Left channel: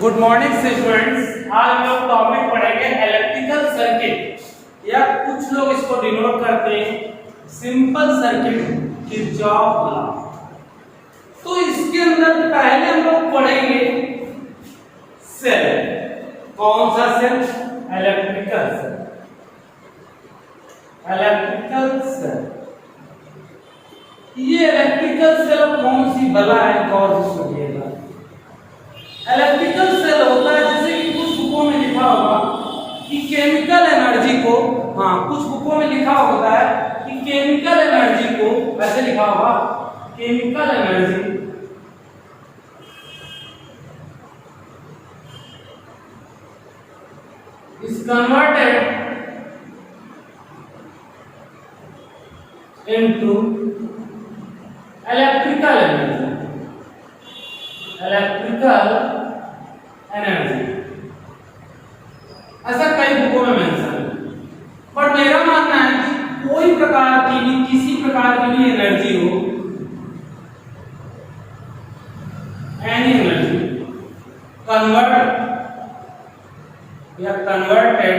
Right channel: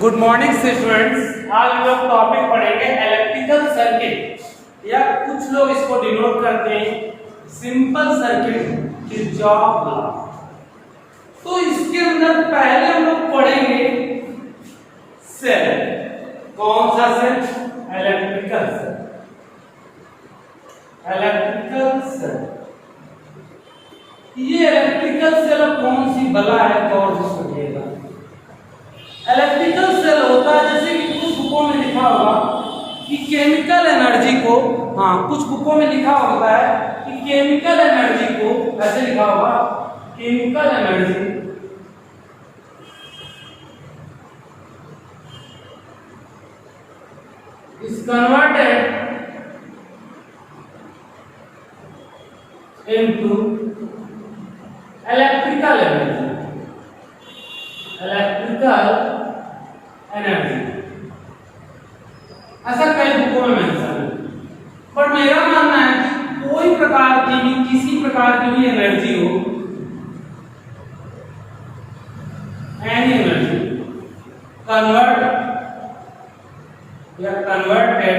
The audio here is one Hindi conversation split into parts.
Good morning students. आज हम लोग टॉपिक पढ़ेंगे इलेक्ट्रिकल सर्किट, या कुछ लोग इसको डिनोट करते हैं सिंपल सर्किट, किरचॉफ लॉ। तो इसके अंदर पहले हम लोग पढ़ेंगे सेल। कौन सा cell? Electrical cell. Electrical cell, ये इलेक्ट्रिकल सेल कौन सी बला है? गौर से सुनिएगा। इलेक्ट्रिकल सेल होता है, जैसे कि कुछ बुकों में लिखा होगा कि केमिकल एनर्जी को, कुछ बुकों में लिखा होता है कि केमिकल एनर्जी को, ऐसे लिखा होगा chemical energy is converted into electrical energy. Electrical energy ऐसा कई बुकों में मेंशन है, बट मेरा मानना है कि कोई प्रकार की भी, किसी प्रकार की भी एनर्जी हो, एनी एनर्जी कन्वर्ट या converted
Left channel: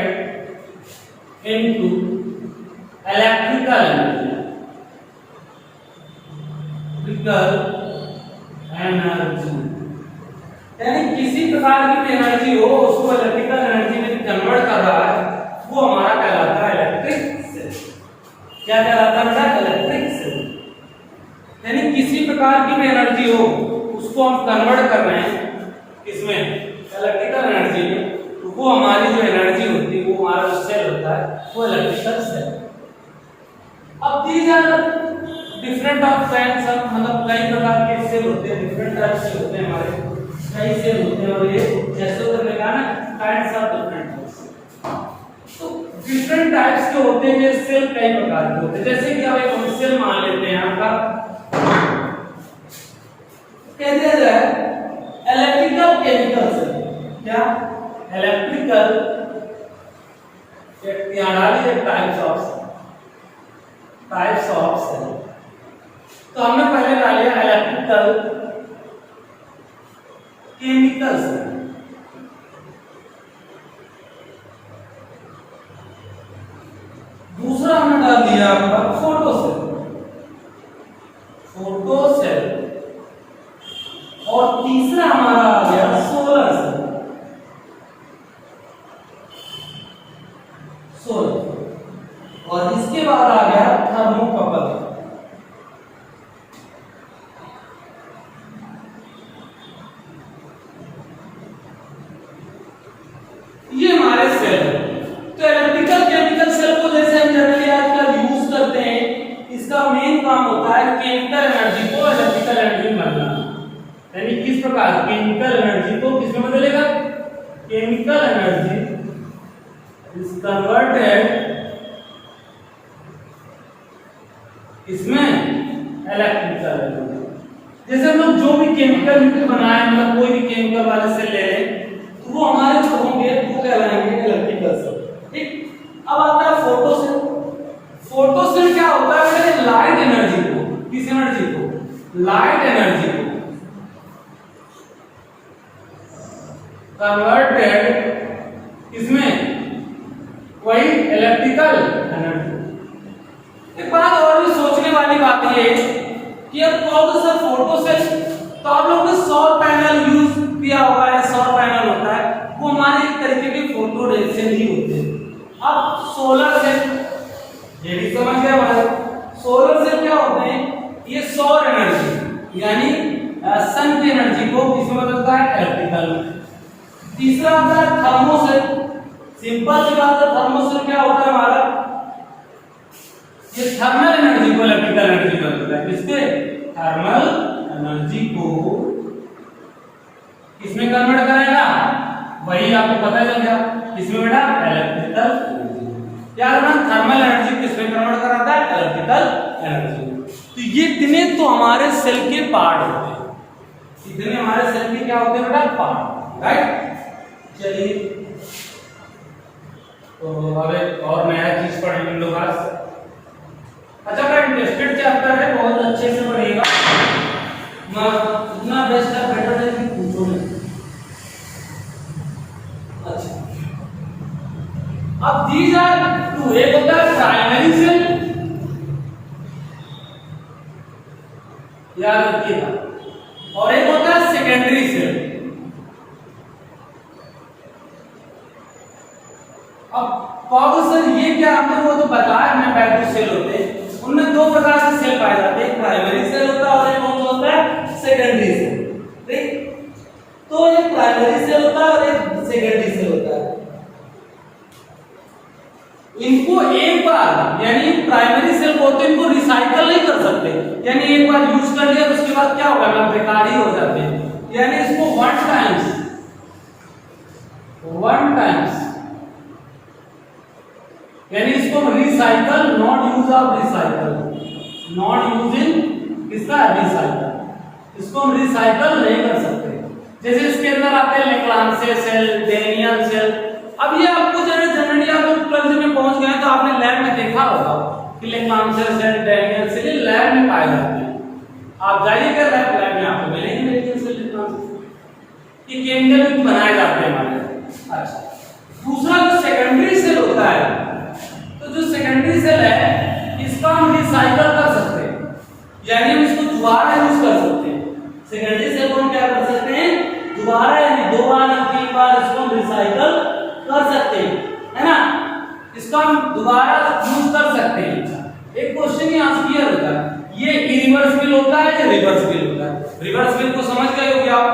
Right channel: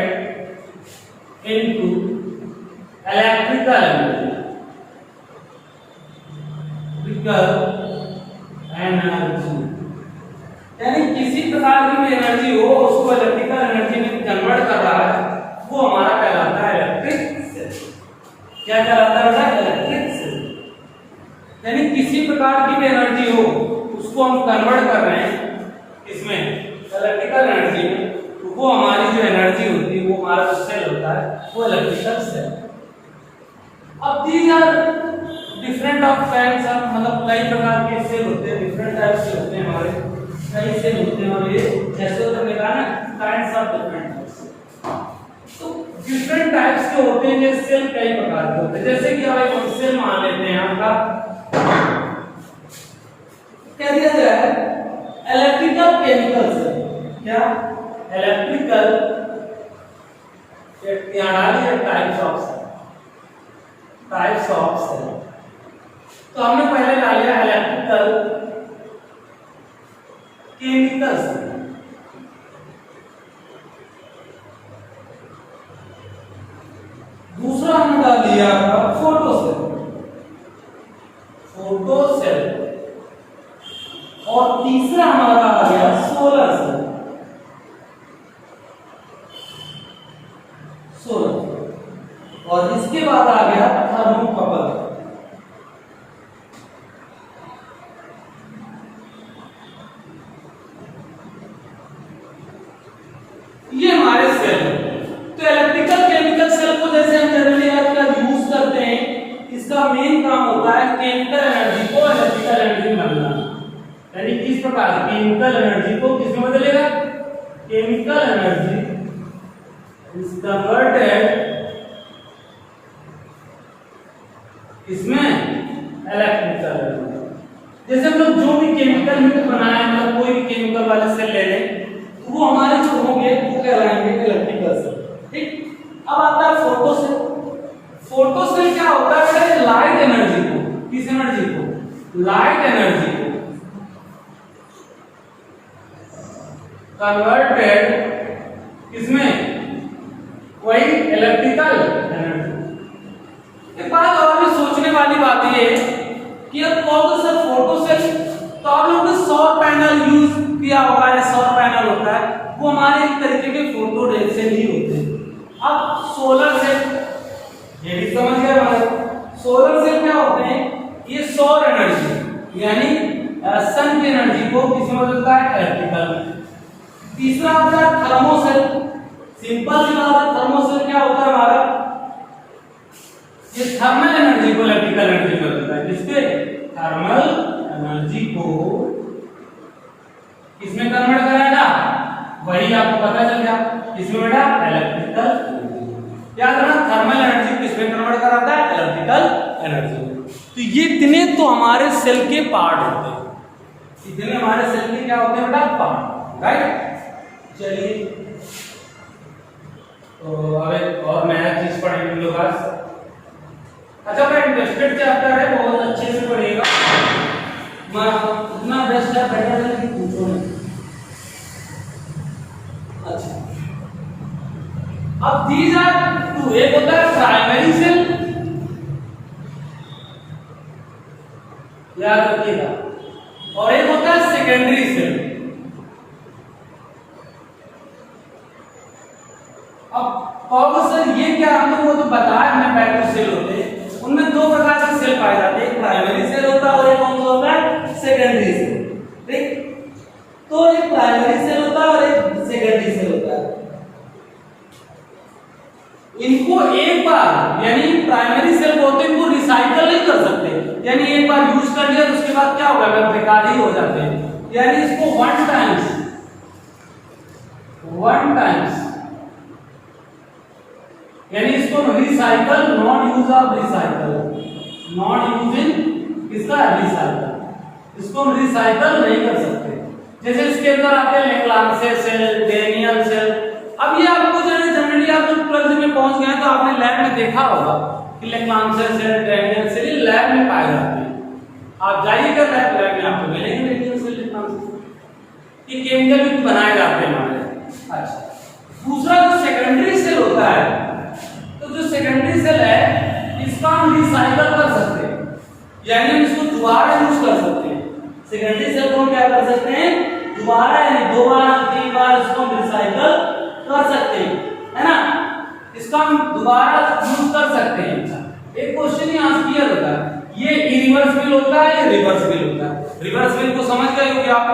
into electrical energy. Energy यानी किसी प्रकार की भी एनर्जी हो, उसको इलेक्ट्रिकल एनर्जी में कन्वर्ट कर रहा है, वो हमारा कहलाता है इलेक्ट्रिक सेल। क्या कहलाता है बेटा? Electric cell. यानी किसी प्रकार की भी एनर्जी हो, उसको हम कन्वर्ट कर रहे हैं इसमें इलेक्ट्रिकल एनर्जी में, तो वो हमारी जो एनर्जी होती है, वो हमारा जो सेल होता है, वो इलेक्ट्रिकल सेल। अब these are different of kinds of, मतलब कई प्रकार के सेल होते हैं, डिफरेंट टाइप से होते हैं, हमारे कई सेल होते हैं, और ये जैसे उधर लिखा ना काइंड्स ऑफ डिफरेंट टाइप्स। तो डिफरेंट टाइप्स के होते हैं, ये सेल कई प्रकार के होते हैं। जैसे कि अब एक सेल मान लेते हैं आपका, कह दिया जाए इलेक्ट्रिकल केमिकल सेल। क्या? Electrical types of cell. तो हमने पहले डाला इलेक्ट्रिकल केमिकल सेल। दूसरा हमने डाल दिया आपका फोटो सेल, और तीसरा हमारा आ गया सोलर सेल। और इसके बाद आ गया थर्मोकपल। ये हमारे सेल है। तो इलेक्ट्रिकल केमिकल सेल को जैसे हम जनरली आजकल यूज करते हैं, इसका मेन काम होता है केमिकल एनर्जी को इलेक्ट्रिकल एनर्जी में बदलना। यानी किस प्रकार केमिकल एनर्जी को किसमें बदलेगा? केमिकल एनर्जी इज कन्वर्टेड इसमें इलेक्ट्रिकल एनर्जी। जैसे हम लोग जो भी केमिकल बनाए, मतलब कोई भी केमिकल वाले सेल ले लें, वो हमारे जो होंगे वो कहलाएंगे इलेक्ट्रिकल सेल। ठीक। अब आता है फोटो सेल। फोटो सेल क्या होता है बेटा? लाइट एनर्जी को, किस एनर्जी को? लाइट एनर्जी को कन्वर्टेड इसमें वही इलेक्ट्रिकल एनर्जी। एक बात और भी सोचने वाली बात ये कि अब कौन सा फोटो सेल, तो आप लोगों ने सौर पैनल यूज किया होगा, या सौर पैनल होता है, वो हमारे एक तरीके के फोटो रेल से ही होते हैं। अब सोलर सेल, ये भी समझ गए हमारे। सोलर सेल क्या होते हैं? ये सौर एनर्जी यानी सन की एनर्जी को किसमें बदलता है? इलेक्ट्रिकल में। तीसरा आता है थर्मोसेल। सिंपल सी बात है, थर्मोसेल क्या होता है हमारा? ये थर्मल एनर्जी को इलेक्ट्रिकल एनर्जी में बदलता है। किसके? थर्मल एनर्जी को किसमें कन्वर्ट करेगा? वही आपको पता चल गया किसमें बेटा? इलेक्ट्रिकल। याद रखना, थर्मल एनर्जी किसमें कन्वर्ट कराता है? Electrical energy. तो ये इतने तो हमारे सेल के पार्ट होते हैं, इतने हमारे सेल के क्या होते हैं बेटा? पार्ट। राइट। चलिए, तो अब एक और नया चीज पढ़ेंगे हम लोग आज। अच्छा, बड़ा इंटरेस्टेड चैप्टर है, बहुत अच्छे से पढ़िएगा। मैं उतना बेस्ट है, बेटर है, पूछो नहीं। दीज आर टू, एक होता है प्राइमरी सेल, याद रखिएगा, और एक होता है सेकेंडरी सेल। अब कहोगे सर ये क्या, हमने वो तो बताया हमने बैटरी सेल होते हैं, उनमें दो प्रकार के सेल पाए जाते हैं, एक प्राइमरी सेल होता है और एक कौन सा होता है, सेकेंडरी सेल। ठीक, तो एक प्राइमरी सेल होता है और एक सेकेंडरी सेल होता है। इनको एक बार यानी प्राइमरी सेल को इनको रिसाइकल नहीं कर सकते, यानी एक बार यूज कर लिया तो उसके बाद क्या होगा, मैं बेकार ही हो जाते हैं, यानी इसको वन टाइम्स यानी इसको recycle, not use of recycle, not use in इसका रिसाइकल, इसको हम रिसाइकल नहीं कर सकते। जैसे इसके अंदर आते हैं लेक्लांसे सेल, डेनियल सेल। अब ये आपको जनरली आप लोग 12th में पहुंच गए तो आपने लैब में देखा होगा कि लेक्लांसे सेल, डेनियल सेल लैब में पाए जाते हैं। आप जाइएगा लैब में आपको मिलेंगे लेकिन सेल ये केमिकल में बनाए जाते हैं हमारे। अच्छा, दूसरा जो सेकेंडरी सेल होता है, तो जो सेकेंडरी सेल है इसका हम रिसाइकल कर सकते हैं, यानी हम इसको दोबारा यूज कर सकते हैं। सेकेंडरी सेल को हम क्या कर सकते हैं, दोबारा यानी 2 बार 3 बार इसको हम रिसाइकल कर सकते हैं, है ना, इसका हम दोबारा यूज कर सकते हैं। एक क्वेश्चन यहाँ से क्लियर होता है, ये इरिवर्सिबल होता है या रिवर्सिबल होता है। रिवर्सिबल को समझ गए हो कि आप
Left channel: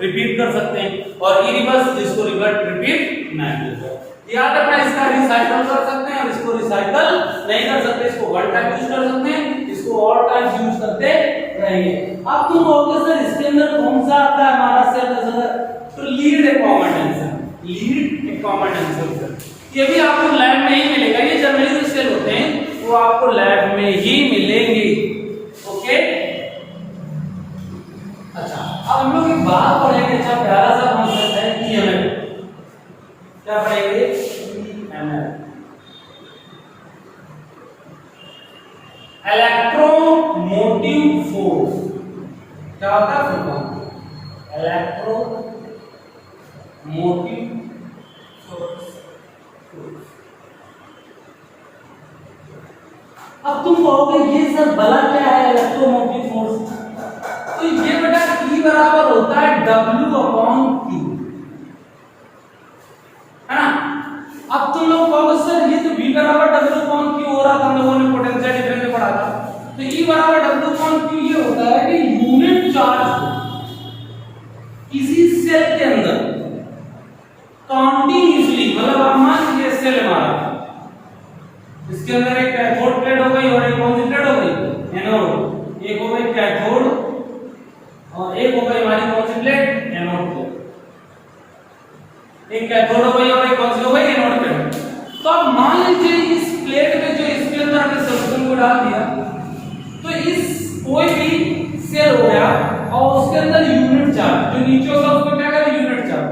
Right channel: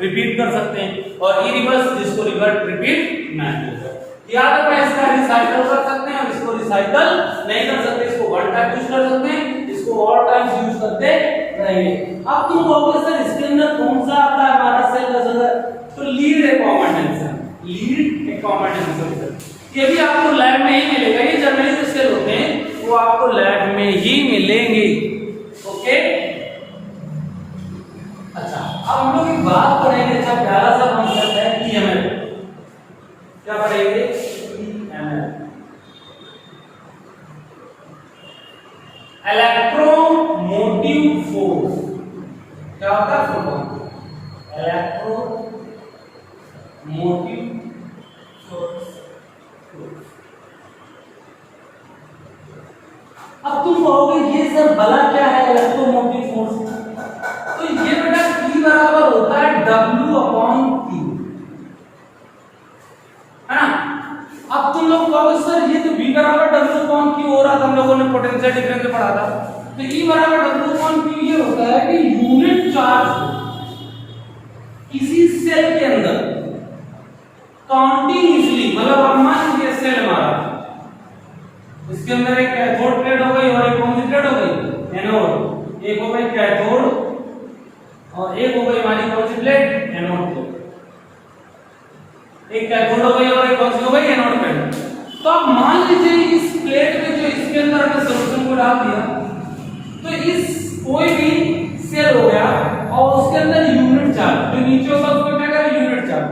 रिपीट कर सकते हैं, और इरिवर्स जिसको रिपीट नहीं होता, याद रखना इसका रिसाइकल कर सकते हैं और इसको रिसाइकल नहीं कर सकते, इसको वन टाइम यूज कर सकते हैं, इसको ऑल टाइम्स यूज करते रहेंगे। अब तुम कहोगे सर इसके अंदर कौन सा आता है हमारा सेल का जगह, तो लीड ए कॉमन टेंशन, लीड ए कॉमन टेंशन, ये भी आपको लैब में ही मिलेगा। ये जनरली जो सेल होते हैं वो आपको लैब में ही मिलेंगे। ओके, अच्छा अब हम लोग एक बात पढ़ेंगे, अच्छा प्यारा सा कॉन्सेप्ट है ईएमएफ। क्या पढ़ेंगे, ईएमएफ, इलेक्ट्रोमोटिव फोर्स। क्या होता है फुल इलेक्ट्रोमोटिव फोर्स। अब तुम कहोगे ये सर भला क्या है इलेक्ट्रोमोटिव फोर्स, तो ये बेटा E बराबर होता है W/Q, है ना। अब तुम लोग कहोगे सर ये तो V बराबर W/Q हो रहा था, हम लोगों ने पोटेंशियल डिफरेंस में पढ़ा था, तो E बराबर W/Q ये होता है कि यूनिट चार्ज किसी सेल के अंदर कंटीन्यूअसली, मतलब आप मान लीजिए सेल हमारा, इसके अंदर एक कैथोड प्लेट हो गई और एक कौन सी प्लेट हो गई, एनोड। एक हो गई कैथोड और एक हो गई हमारी कौन सी प्लेट, एनोड प्लेट। एक कैथोड हो गई और एक कौन सी हो गई, एनोड प्लेट। तो अब मान लीजिए इस प्लेट में जो इसके अंदर हमने सॉल्यूशन को डाल दिया, तो इस कोई भी सेल हो गया और उसके अंदर यूनिट चार्ज जो नीचे होगा उसको क्या करें, यूनिट चार्ज,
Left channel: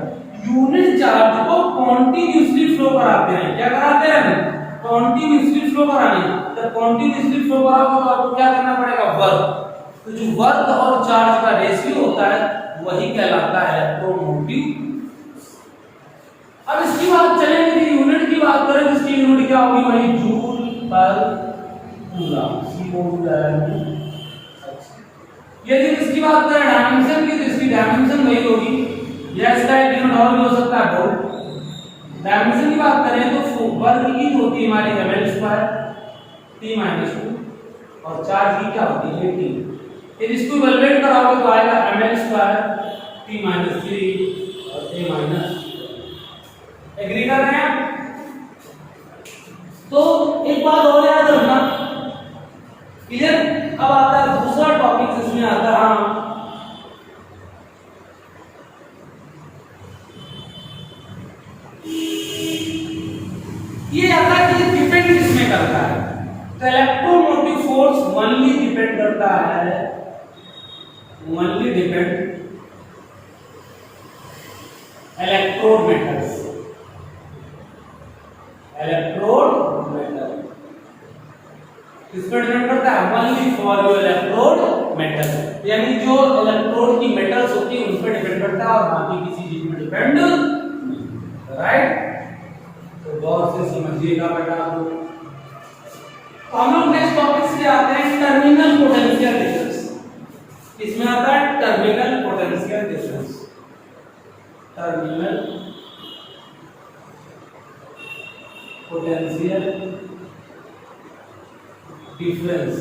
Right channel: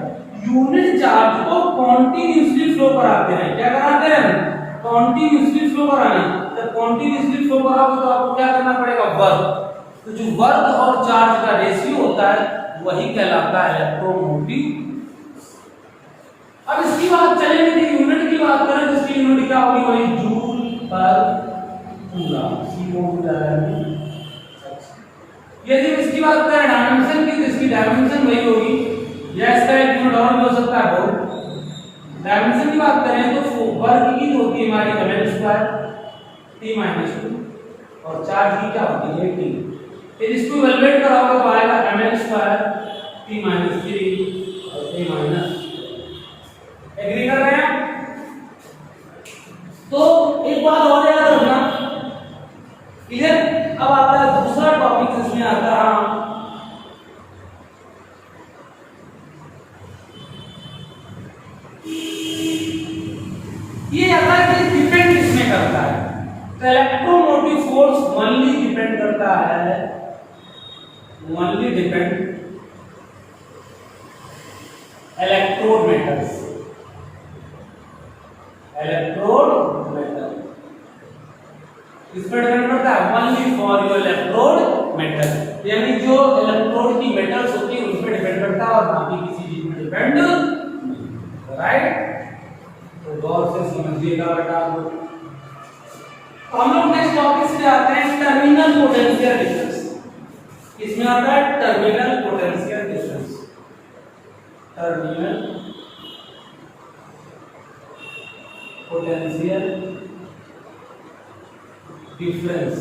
यूनिट चार्ज को कॉन्टिन्यूअसली फ्लो कराते रहे। क्या कराते रहे, कॉन्टिन्यूअसली फ्लो कराने। जब कॉन्टिन्यूअसली फ्लो कराओगे तो आपको क्या करना पड़ेगा, वर्क। तो जो वर्क और चार्ज का रेशियो होता है वही कहलाता है इलेक्ट्रोमोटिव। अब इसकी बात चलेगी, यूनिट की बात करें तो इसकी यूनिट क्या होगी, वही जूल पर कूलम। यदि इसकी बात करें डायमेंशन की, तो इसकी डायमेंशन वही होगी, या इसका एक यूनिट और भी हो सकता है वोल्ट। डायमेंशन की बात करें तो वर्क की होती है हमारी ml² T-2, और चार्ज की क्या होती है T। फिर इसको इवैल्यूएट कराओगे तो आएगा ml² T-3 और T-। एग्री कर रहे हैं। तो एक बात और याद रखना, इधर अब आता है दूसरा टॉपिक, इसमें आता है ये आता है कि डिपेंड किसमें करता है। तो इलेक्ट्रोमोटिव फोर्स ओनली डिपेंड करता है, only depend electrode metals, electrode metal किसमें डिपेंड करता है, only for your electrode metal, यानी जो इलेक्ट्रोड की मेटल्स होती है उस पर डिपेंड करता है और बाकी किसी चीज में डिपेंड, राइट। तो गौर से समझिएगा बेटा आप लोग। तो हम लोग नेक्स्ट टॉपिक से आते हैं टर्मिनल पोटेंशियल डिफरेंस। इसमें आता है terminal potential difference. Terminal potential difference.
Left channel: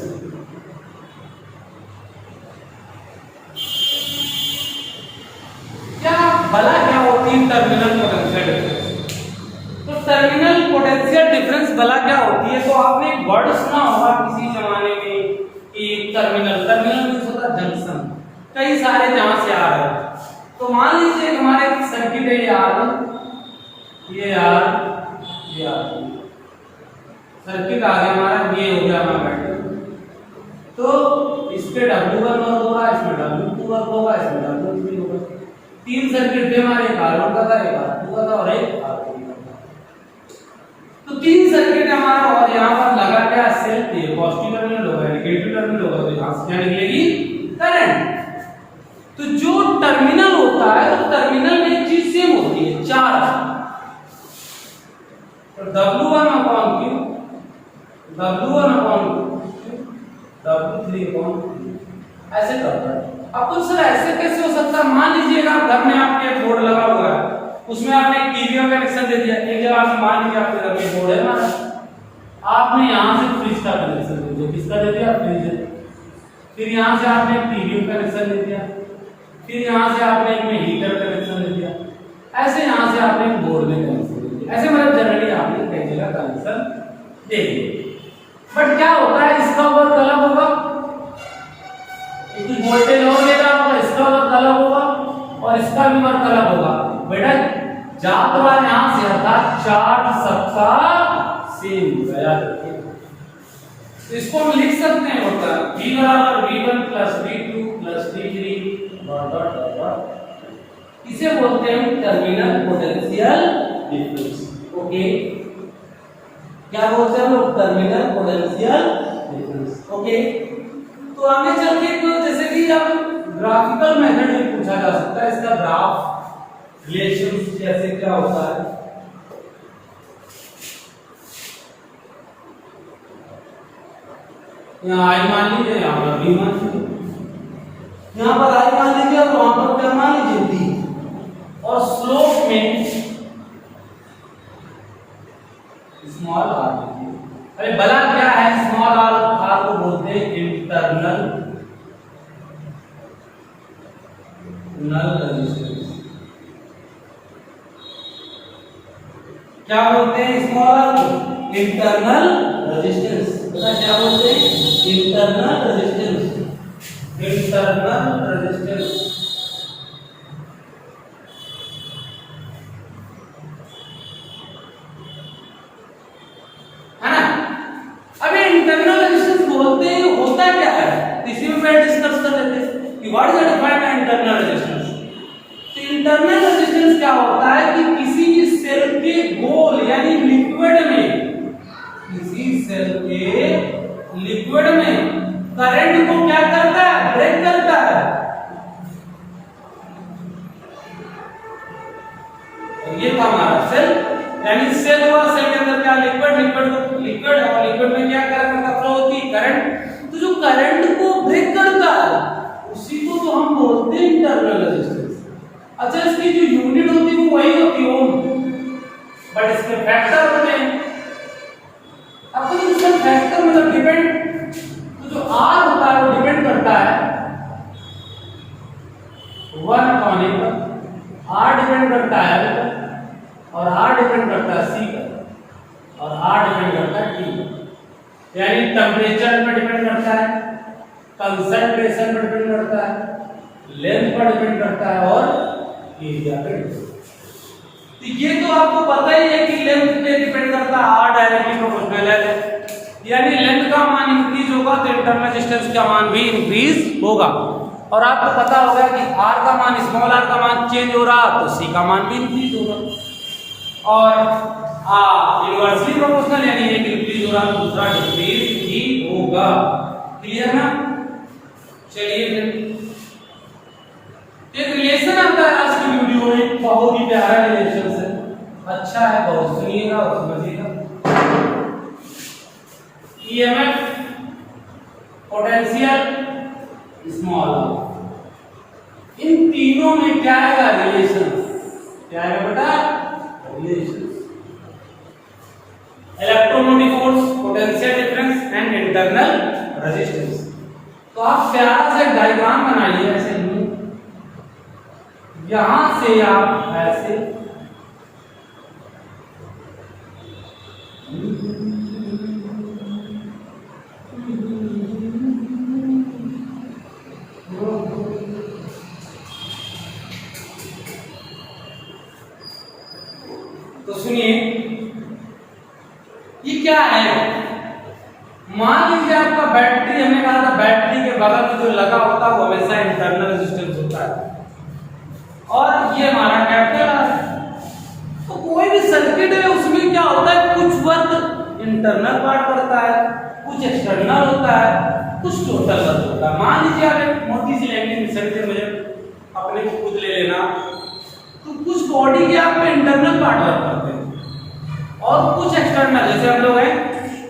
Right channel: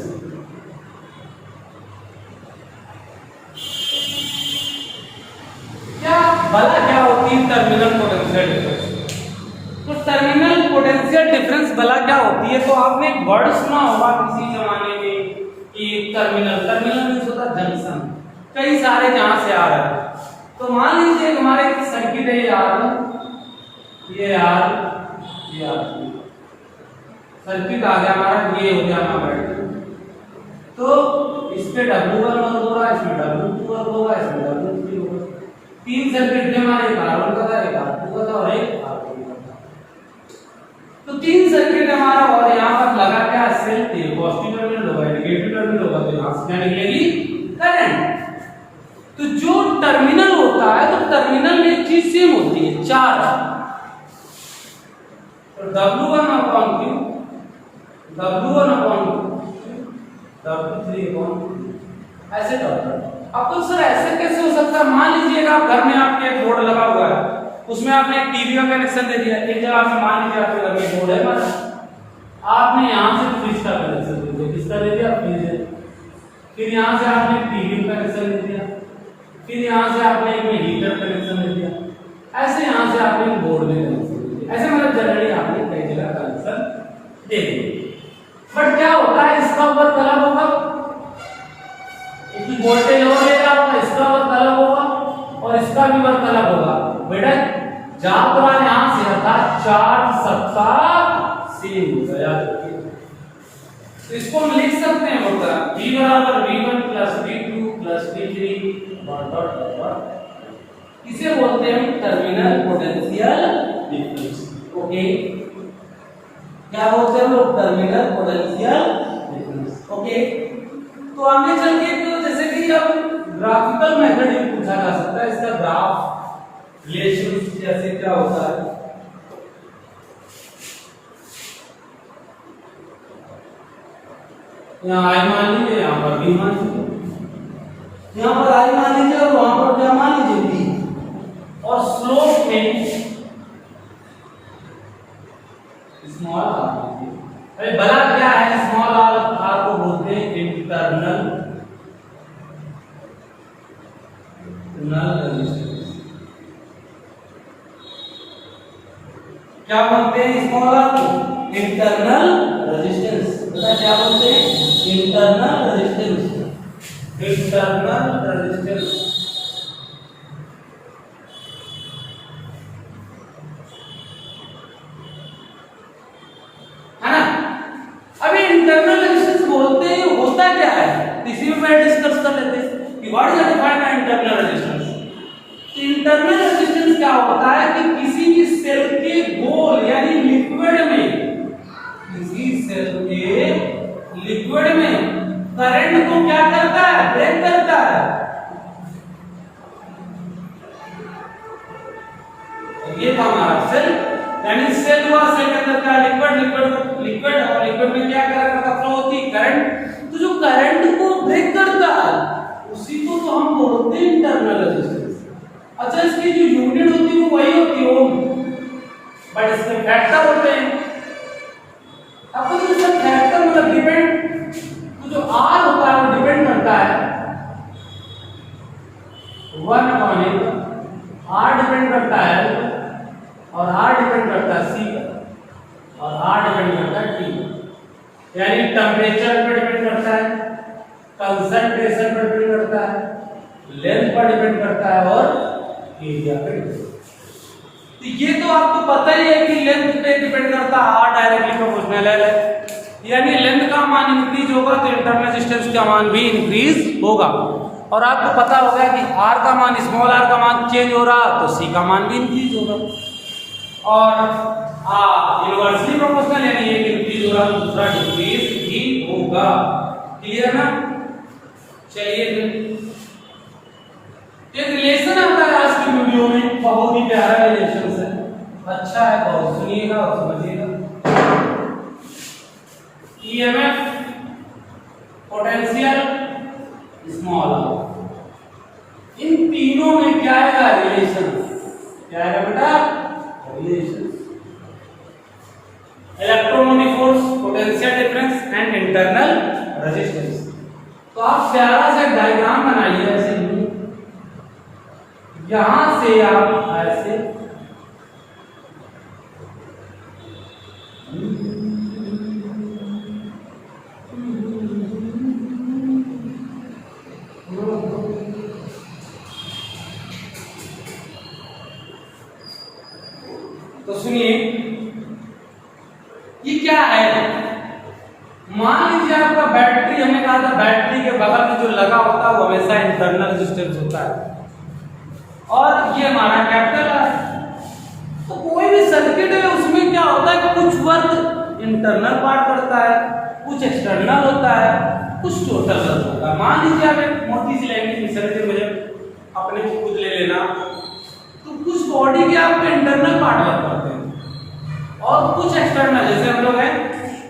क्या भला क्या होती है टर्मिनल पोटेंशियल डिफरेंस? तो टर्मिनल पोटेंशियल डिफरेंस भला क्या होती है? तो आपने एक वर्ड सुना होगा किसी जमाने में कि टर्मिनल मीन्स होता है जंक्शन, कई सारे जहां से आ रहे हैं। तो मान लीजिए हमारे एक सर्किट है ये सर्किट आ गया हमारा, ये हो गया हमारा बैटरी। तो इस पे W1 वर्क हो रहा है, इसमें W2 वर्क होगा, इसमें W3 होगा। तीन सर्किट थे हमारे, एक R1 का था, एक R2 का था और एक R3 का था। तो तीन सर्किट हमारा, और यहाँ पर लगा क्या सेल थे, पॉजिटिव टर्मिनल होगा, नेगेटिव टर्मिनल होगा, तो यहाँ से क्या निकलेगी करंट। तो जो टर्मिनल होता है तो टर्मिनल में एक चीज सेम होती है, चार्ज। तो W1 upon Q, W1 upon Q, W3 upon Q, ऐसे करता है। अब तो सर ऐसे कैसे हो सकता है? मान लीजिएगा आप घर में आपके एक बोर्ड लगा हुआ है, उसमें आपने एक टीवी का कनेक्शन दे दिया। एक जगह आपने मान लीजिए आपके घर में बोर्ड है हमारा, आपने यहाँ से फ्रिज का कनेक्शन दे दिया। किसका दे दिया? फ्रिज। फिर यहाँ से आपने टीवी का कनेक्शन दे दिया, फिर यहाँ से आपने एक में हीटर कनेक्शन दे दिया, ऐसे यहाँ से आपने एक बोर्ड में कनेक्शन दे दिया। ऐसे मतलब जनरली आपने कई जगह कनेक्शन दे दिया। बट क्या होता है, इसका वर्क अलग होगा, इसकी वोल्टेज और ले रहा होगा, इसका वर्क अलग होगा और इसका भी वर्क अलग होगा। बेटा जात वाला यहां से आता, चार्ज सबका सेम होगा, याद रखिए। तो इसको हम लिख सकते हैं बोलता है V बराबर V1 plus V2 plus V3 dot dot dot. इसे बोलते हैं टर्मिनल पोटेंशियल डिफरेंस। ओके, क्या बोलते हैं वो? Terminal potential difference. ओके, तो आगे चल के तो जैसे कि अब ग्राफिकल मेथड भी पूछा जा सकता है, इसका ग्राफ रिलेशन जैसे क्या होता है। यहाँ I मान लीजिए, यहाँ पर V मान लीजिए, यहाँ पर I मान लीजिए और वहां पर क्या मान लीजिए V। और स्लोप में स्मॉल r लीजिए। अरे भला क्या है स्मॉल r को बोलते हैं इंटरनल रेजिस्टेंस। क्या बोलते हैं स्मॉल r को? Internal resistance. पता क्या बोलते हैं? Internal resistance. इंटरनल रेजिस्टेंस है ना। अभी इंटरनल रेजिस्टेंस बोलते हैं, होता क्या है इसी में मैं डिस्कस कर लेते हैं कि what is the defined by internal resistance. तो इंटरनल रेजिस्टेंस क्या होता है कि किसी भी सेल के गोल यानी लिक्विड में, किसी सेल के लिक्विड में करंट को क्या करता है? ब्रेक करता है। और ये था हमारा सेल, यानी सेल हुआ, सेल के अंदर क्या लिक्विड और लिक्विड में क्या करंट का फ्लो होती है? करंट। तो जो करंट को ब्रेक करता है उसी को तो हम बोलते हैं इंटरनल रेजिस्टेंस। अच्छा, इसकी जो यूनिट होती है वो वही होती है ओम, बट इसमें फैक्टर होते हैं। अब तो इसका फैक्टर मतलब डिपेंड, तो जो R होता है वो डिपेंड करता है 1 अपॉन A पर, R डिपेंड करता है L पर, और R डिपेंड करता है C पर, और R डिपेंड करता है T पर। यानी टेम्परेचर पर डिपेंड करता है, कंसंट्रेशन पर डिपेंड करता है, लेंथ पर डिपेंड करता है और एरिया पर। तो ये तो आपको पता ही है कि लेंथ पे डिपेंड करता है, R डायरेक्टली प्रोपोर्शनल है, यानी लेंथ का मान इंक्रीज होगा तो इंटरनल रेजिस्टेंस का मान भी इंक्रीज होगा। और आपको पता होगा कि R का मान, स्मॉल r का मान चेंज हो रहा तो C का मान भी इंक्रीज होगा। और इनवर्सली प्रोपोर्शनल यानी एक इंक्रीज हो रहा तो दूसरा डिक्रीज भी होगा। क्लियर ना? चलिए एक रिलेशन आता है आज की वीडियो में, बहुत ही प्यारा रिलेशन है, अच्छा है, बहुत सुनिएगा और समझिएगा। EMF, potential, small. इन तीनों में क्या है रिलेशन? क्या है बेटा? Relation. Electromotive force, potential difference and internal resistance. तो आप प्यारा सा डायग्राम बनाइए ऐसे ही, यहां से आप ऐसे तो सुनिए ये क्या है। मान लीजिए आपका बैटरी, हमने कहा था बैटरी के बगल में जो लगा होता है वो हमेशा इंटरनल रेजिस्टेंस होता है और ये हमारा कैपिटल है। तो कोई भी सर्किट है उसमें क्या होता है, कुछ वर्क इंटरनल पार्ट करता है, कुछ एक्सटर्नल होता है, कुछ टोटल वर्क होता है। मान लीजिए आप एक मोटी सी लैंग्वेज सर्किट मुझे अपने को खुद ले लेना, तो कुछ बॉडी के आप इंटरनल पार्ट वर्क करते हैं और कुछ एक्सटर्नल, जैसे हम लोग हैं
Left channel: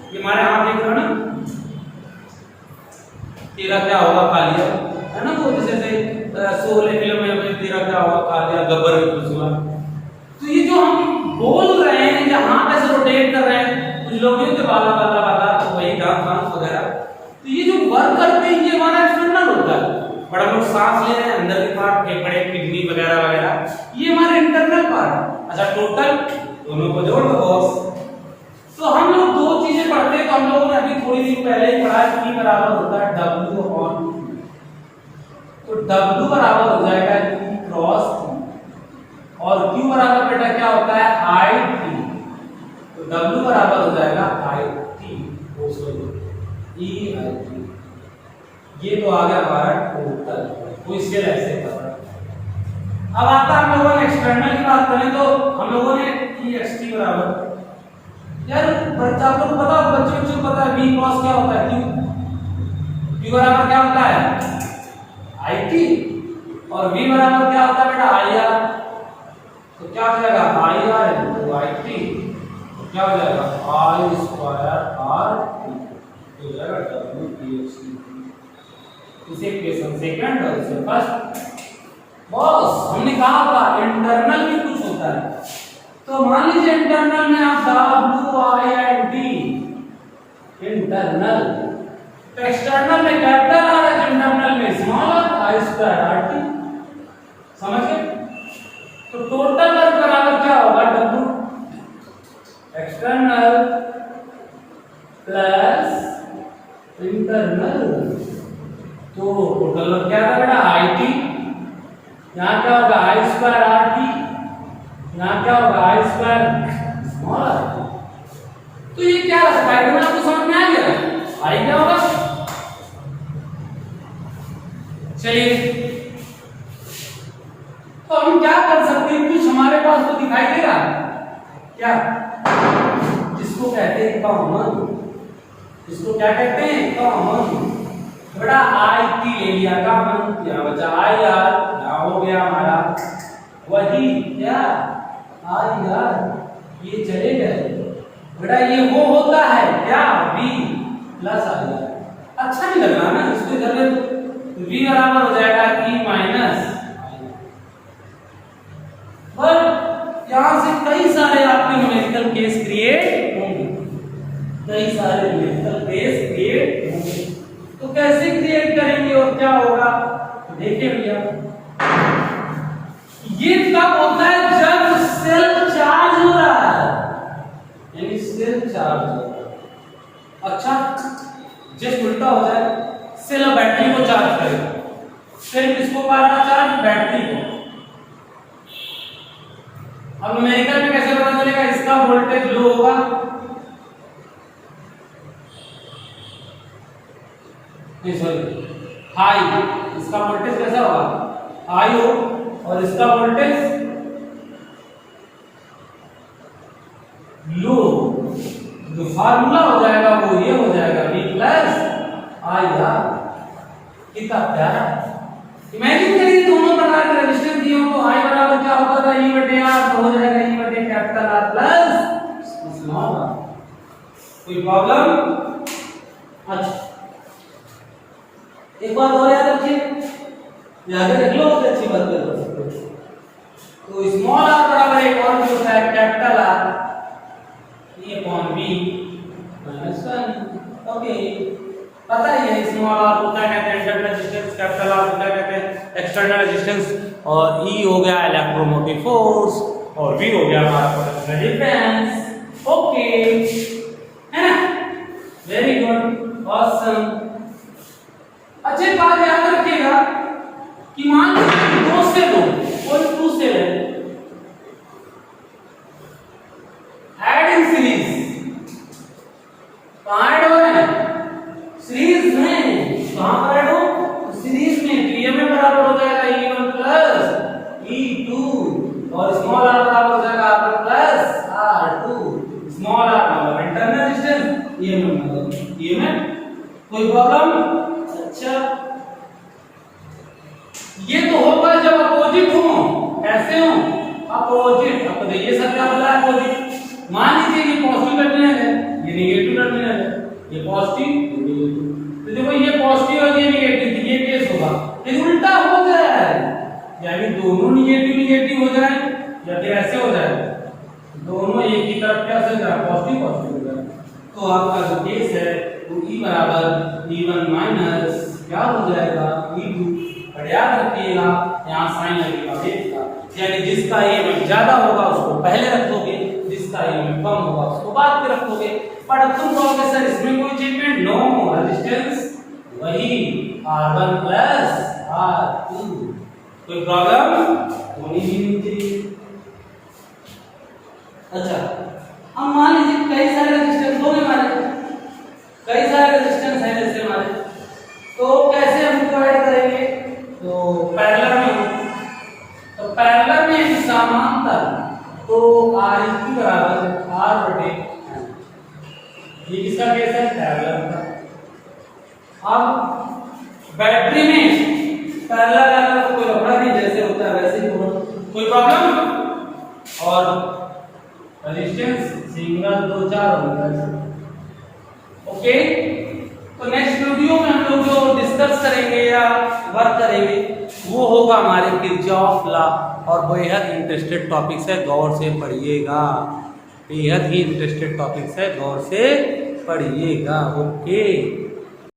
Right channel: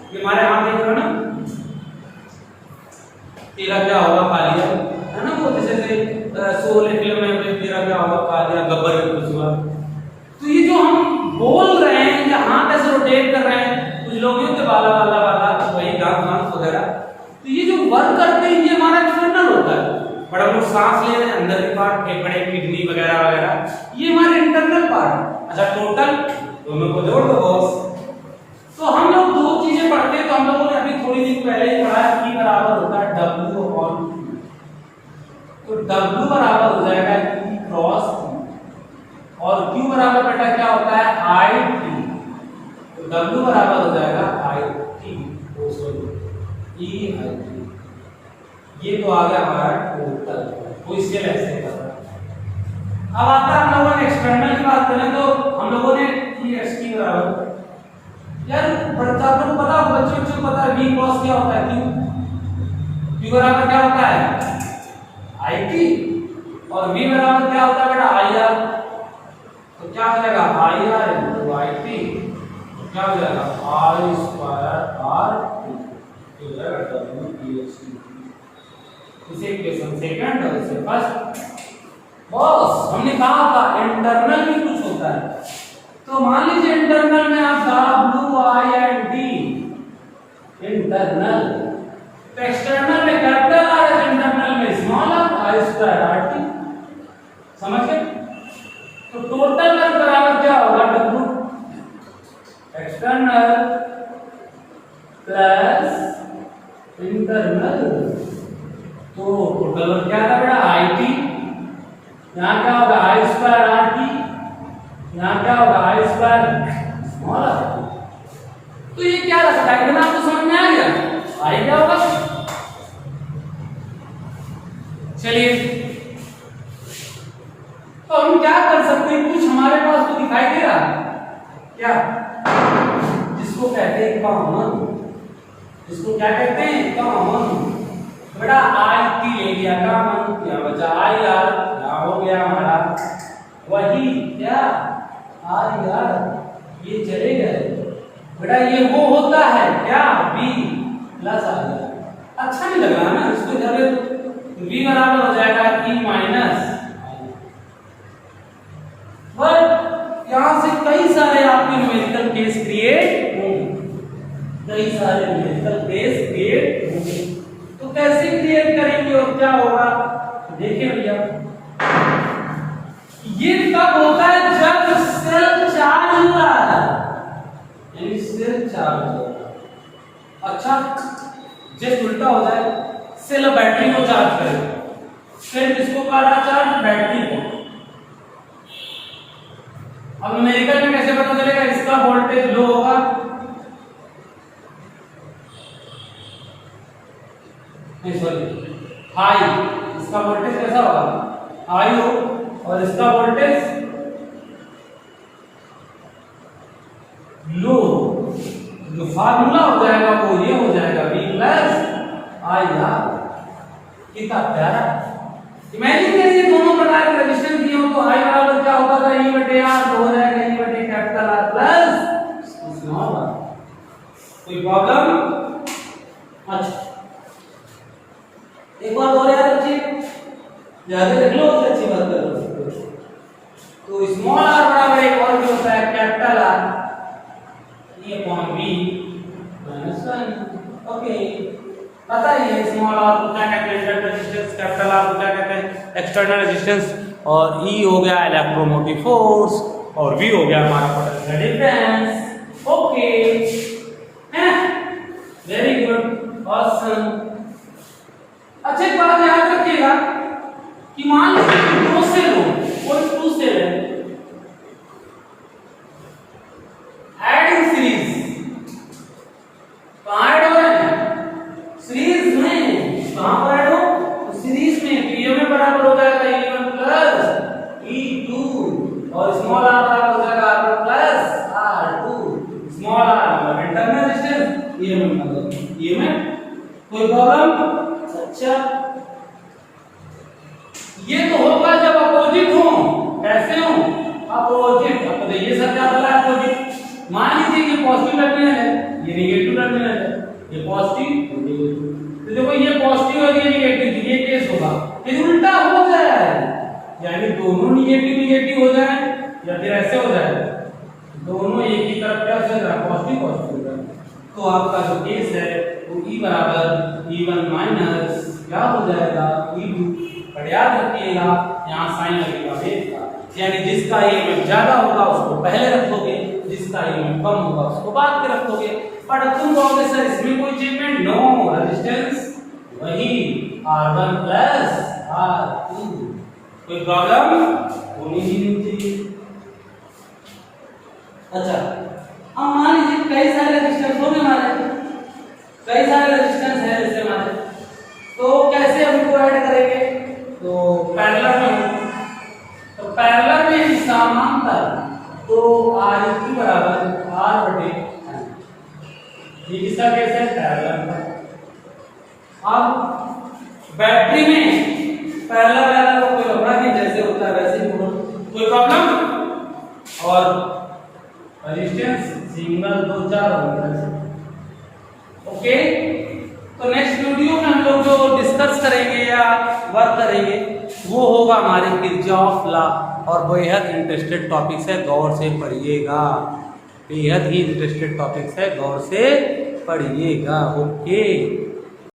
ये हमारे हाथ देख रहे हो ना, तेरा क्या होगा खा लिया है ना, वो जैसे सोले फिल्म में अपने तेरा क्या होगा खा लिया, गब्बर में कुछ हुआ। तो ये जो हम बोल रहे हैं या हाथ ऐसे रोटेट कर रहे हैं, कुछ लोग होते वाला वाला वाला तो वही गांठ वगैरह, तो ये जो वर्क करते हैं ये हमारा एक्सटर्नल होता है। बड़ा लोग सांस ले रहे हैं, अंदर के पार्ट, फेफड़े, किडनी वगैरह वगैरह, ये हमारे इंटरनल पार्ट। अच्छा टोटल दोनों को जोड़ दो बॉस। तो हम लोग दो चीजें पढ़ते हैं, तो हम लोगों ने अभी थोड़ी देर पहले ही पढ़ा कि बराबर होता है W अपॉन, तो W बराबर हो जाएगा E क्रॉस और Q बराबर बेटा क्या होता है IT, तो W बराबर हो जाएगा IT EIT। ये तो आ गया हमारा टोटल, तो इसके ऐसे कर रहा। अब आता है हम लोगों ने एक्सटर्नल की बात करें तो हम लोगों ने EXT बराबर, यार बच्चा को पता, बच्चों को पता है V क्रॉस क्या होता है, Q बराबर क्या होता है IT और V बराबर क्या होता है बेटा IR। तो क्या हो जाएगा IR into IT, तो क्या हो जाएगा I स्क्वायर RT, हो जाएगा WEXT। इसे इक्वेशन सेकंड और इसे फर्स्ट। बॉस हमने कहा था इंटरनल में कुछ होता है, तो मान लीजिए इंटरनल में आप WIND इंटरनल, तो एक्सटर्नल में कैपिटल आर, इंटरनल में small R, I square RT। समझ गए? तो टोटल वर्क बराबर क्या होगा W एक्सटर्नल प्लस इंटरनल, तो टोटल वर्क क्या था बेटा IT, यहाँ क्या होगा I स्क्वायर RT, यहाँ क्या होगा I स्क्वायर स्मॉल r। तो ये क्या है डायग्राम तो समझ में आ गया, I क्या होगा। चलिए तो हम क्या कर सकते हैं, कुछ हमारे पास तो दिखाई दे रहा है क्या, जिसको कहते हैं कॉमन, जिसको क्या कहते हैं कॉमन। बड़ा IT ले लिया, कॉमन क्या बचा IR, क्या हो गया हमारा वही क्या IR, ये चले गए बेटा, ये वो होता है क्या V प्लस IR। अच्छा नहीं लग रहा ना, इसको इधर V बराबर हो जाएगा E माइनस, पर यहां से कई सारे आपके न्यूमेरिकल केस क्रिएट होंगे, कई सारे न्यूमेरिकल केस क्रिएट होंगे। तो कैसे क्रिएट करेंगे और क्या होगा देखिए भैया, ये कब होता है जब सेल चार्ज हो रहा है, यानी सेल चार्ज हो रहा है। अच्छा जस्ट उल्टा हो जाए, सेल बैटरी को चार्ज करे, सेल किसको कर रहा चार्ज, बैटरी को। अब न्यूमेरिकल में कैसे पता चलेगा, इसका वोल्टेज लो होगा, सॉरी हाई, इसका वोल्टेज कैसा होगा हाई हो, और इसका वोल्टेज लो। जो फार्मूला हो जाएगा वो ये हो जाएगा V प्लस IR। कितना प्यारा, इमेजिन करिए दोनों प्रकार के रेजिस्टेंस दिए हो, तो I बराबर क्या होता था E/R, तो हो जाएगा E/कैपिटल R प्लस स्मॉल r। कोई प्रॉब्लम अच्छा एक बात और याद रखिए, याद रख लो, उससे अच्छी बात कर लो। तो स्मॉल आर बराबर एक और भी होता है capital R A upon B minus 1। Okay, पता ही है स्मॉल आर को क्या कहते हैं, इंटरनल रेजिस्टेंस, कैपिटल आर को क्या कहते हैं, एक्सटर्नल रेजिस्टेंस, और ई हो गया इलेक्ट्रोमोटिव फोर्स, और वी हो गया हमारा पोटेंशियल डिफरेंस। ओके, है वेरी गुड, ऑसम। अच्छा एक बात याद रखिएगा कि मान लीजिए दो से दो कोई टू से है, एडिंग सीरीज कहाँ ऐड हो रहे हैं, सीरीज में। कहाँ पर ऐड हो, तो सीरीज में। तो ये में बराबर हो जाएगा E1 प्लस E2 और स्मॉल r बराबर हो जाएगा R1 plus R2। Small r मतलब इंटरनल रेजिस्टेंस, ये में मतलब ये में। कोई प्रॉब्लम? अच्छा ये तो होगा जब अपोजिट हो। कैसे हो, अपोजिट। अब देखिए सर क्या बोला है, अपोजिट। मान लीजिए ये पॉजिटिव टर्मिनल है, ये नेगेटिव टर्मिनल है, ये पॉजिटिव ये नेगेटिव। तो देखो ये पॉजिटिव और ये नेगेटिव, ये केस होगा। ये उल्टा हो जाए, यानी दोनों नेगेटिव नेगेटिव हो जाए, या फिर ऐसे हो जाए दोनों एक ही तरफ क्या से जाए, पॉजिटिव पॉजिटिव हो जाए। तो आपका जो केस है वो E बराबर E1 माइनस क्या हो जाएगा E2। पर याद रखिएगा यहाँ साइन लगेगा, यानी जिसका EMF ज्यादा होगा उसको पहले रख दोगे, जिसका EMF कम होगा उसको बाद में रख दोगे। पर अब तुम कहोगे सर इसमें कोई चेंजमेंट, नो, रेजिस्टेंस वही R1 प्लस R2। कोई प्रॉब्लम होनी ही नहीं चाहिए। अच्छा अब मान लीजिए कई सारे रेजिस्टेंस होंगे हमारे, कई सारे रेजिस्टेंस है जैसे हमारे, तो कैसे हम इनको ऐड करेंगे, तो पैरेलल में। तो पैरेलल में समांतर, तो R की बराबर R बटे, ये किसका केस है, पैरेलल का। अब बैटरी में पैरेलल वाला को कोई लफड़ा नहीं, जैसे होता है वैसे ही होगा, कोई प्रॉब्लम। और रेजिस्टेंस सिंगल 2-4 होगा। ओके, तो नेक्स्ट वीडियो में हम लोग जो डिस्कस करेंगे या वर्क करेंगे वो होगा हमारे किरचॉफ लॉ, और बेहद इंटरेस्टेड टॉपिक्स है, गौर से पढ़िएगा। बेहद ही इंटरेस्टेड टॉपिक्स है, गौर से पढ़िएगा। ओके।